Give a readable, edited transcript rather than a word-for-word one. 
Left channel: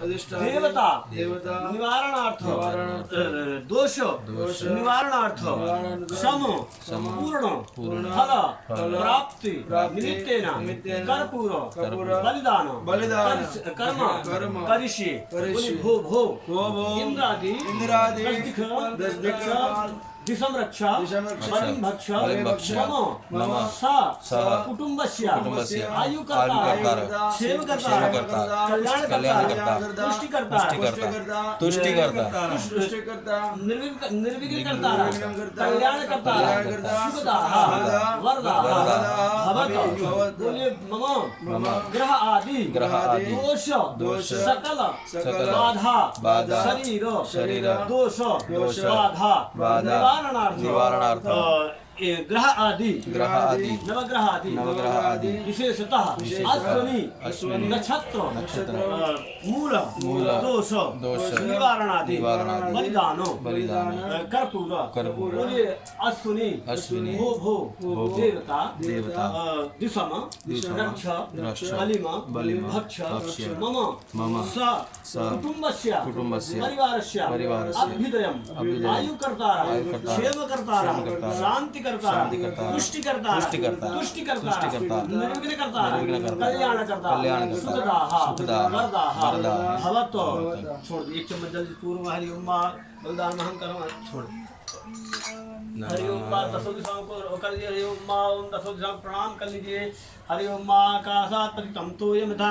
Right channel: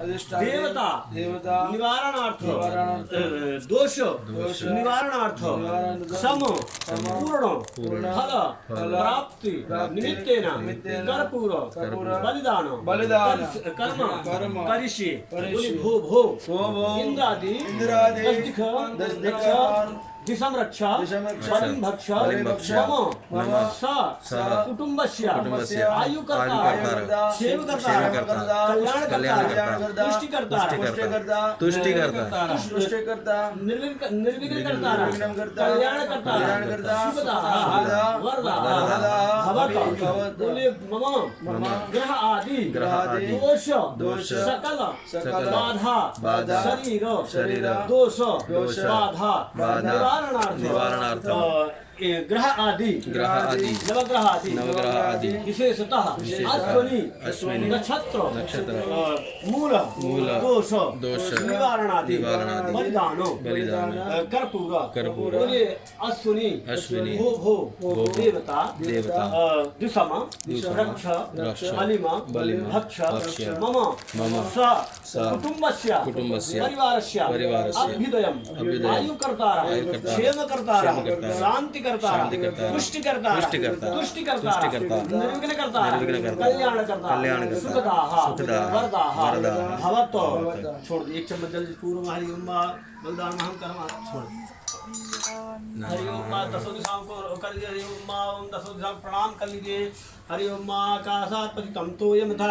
देवता निवारणार्थ दोष निवारणार्थ सम पूर्ण फल प्राप्ति निमित्तेन कर्पूर बलिदान कर्म करिष्ये भो भो इंद्रादि दिशम रक्षा बलिं भक्ष मम सा कुटुंबस्य आयुकर्ता क्षेमकर्ता कल्याणकर्ता तुष्टिकर्ता निर्विघ्नकर्ता कल्याणकर्ता वरदा भवतु मम ग्रह आदि दोष सकल बाधा शरीर दोष बाधा निवारणार्थ ग्रह आदि नवग्रह आदि विशेषतः अश्विनी नक्षत्र मूल दोष निवारणादि बलिदान कर्पूर बोले अश्विनी भो देवता दिशम रक्ष बलिम भक्ष मम स कुटुंबस्य परिवारस्य अभ्युदयम् आयुकर्तारः क्षेमकर्तारः शांतिकर्तारः तुष्टिकर्तारः निर्विघ्नकर्तारः कल्याणकर्तारः सुखदाः वरदाः भवतो। छोड़ एक चम्मच जल्दी पूर्व हरि ओम बलिदान महं कर्म छोड़ हरि ओम दसों दिशाओं को कर दिए हरि ओम दसों दिशाओं प्रणाम कर लीजिए हरि ओम आकाशात् पतितं तोयं यथा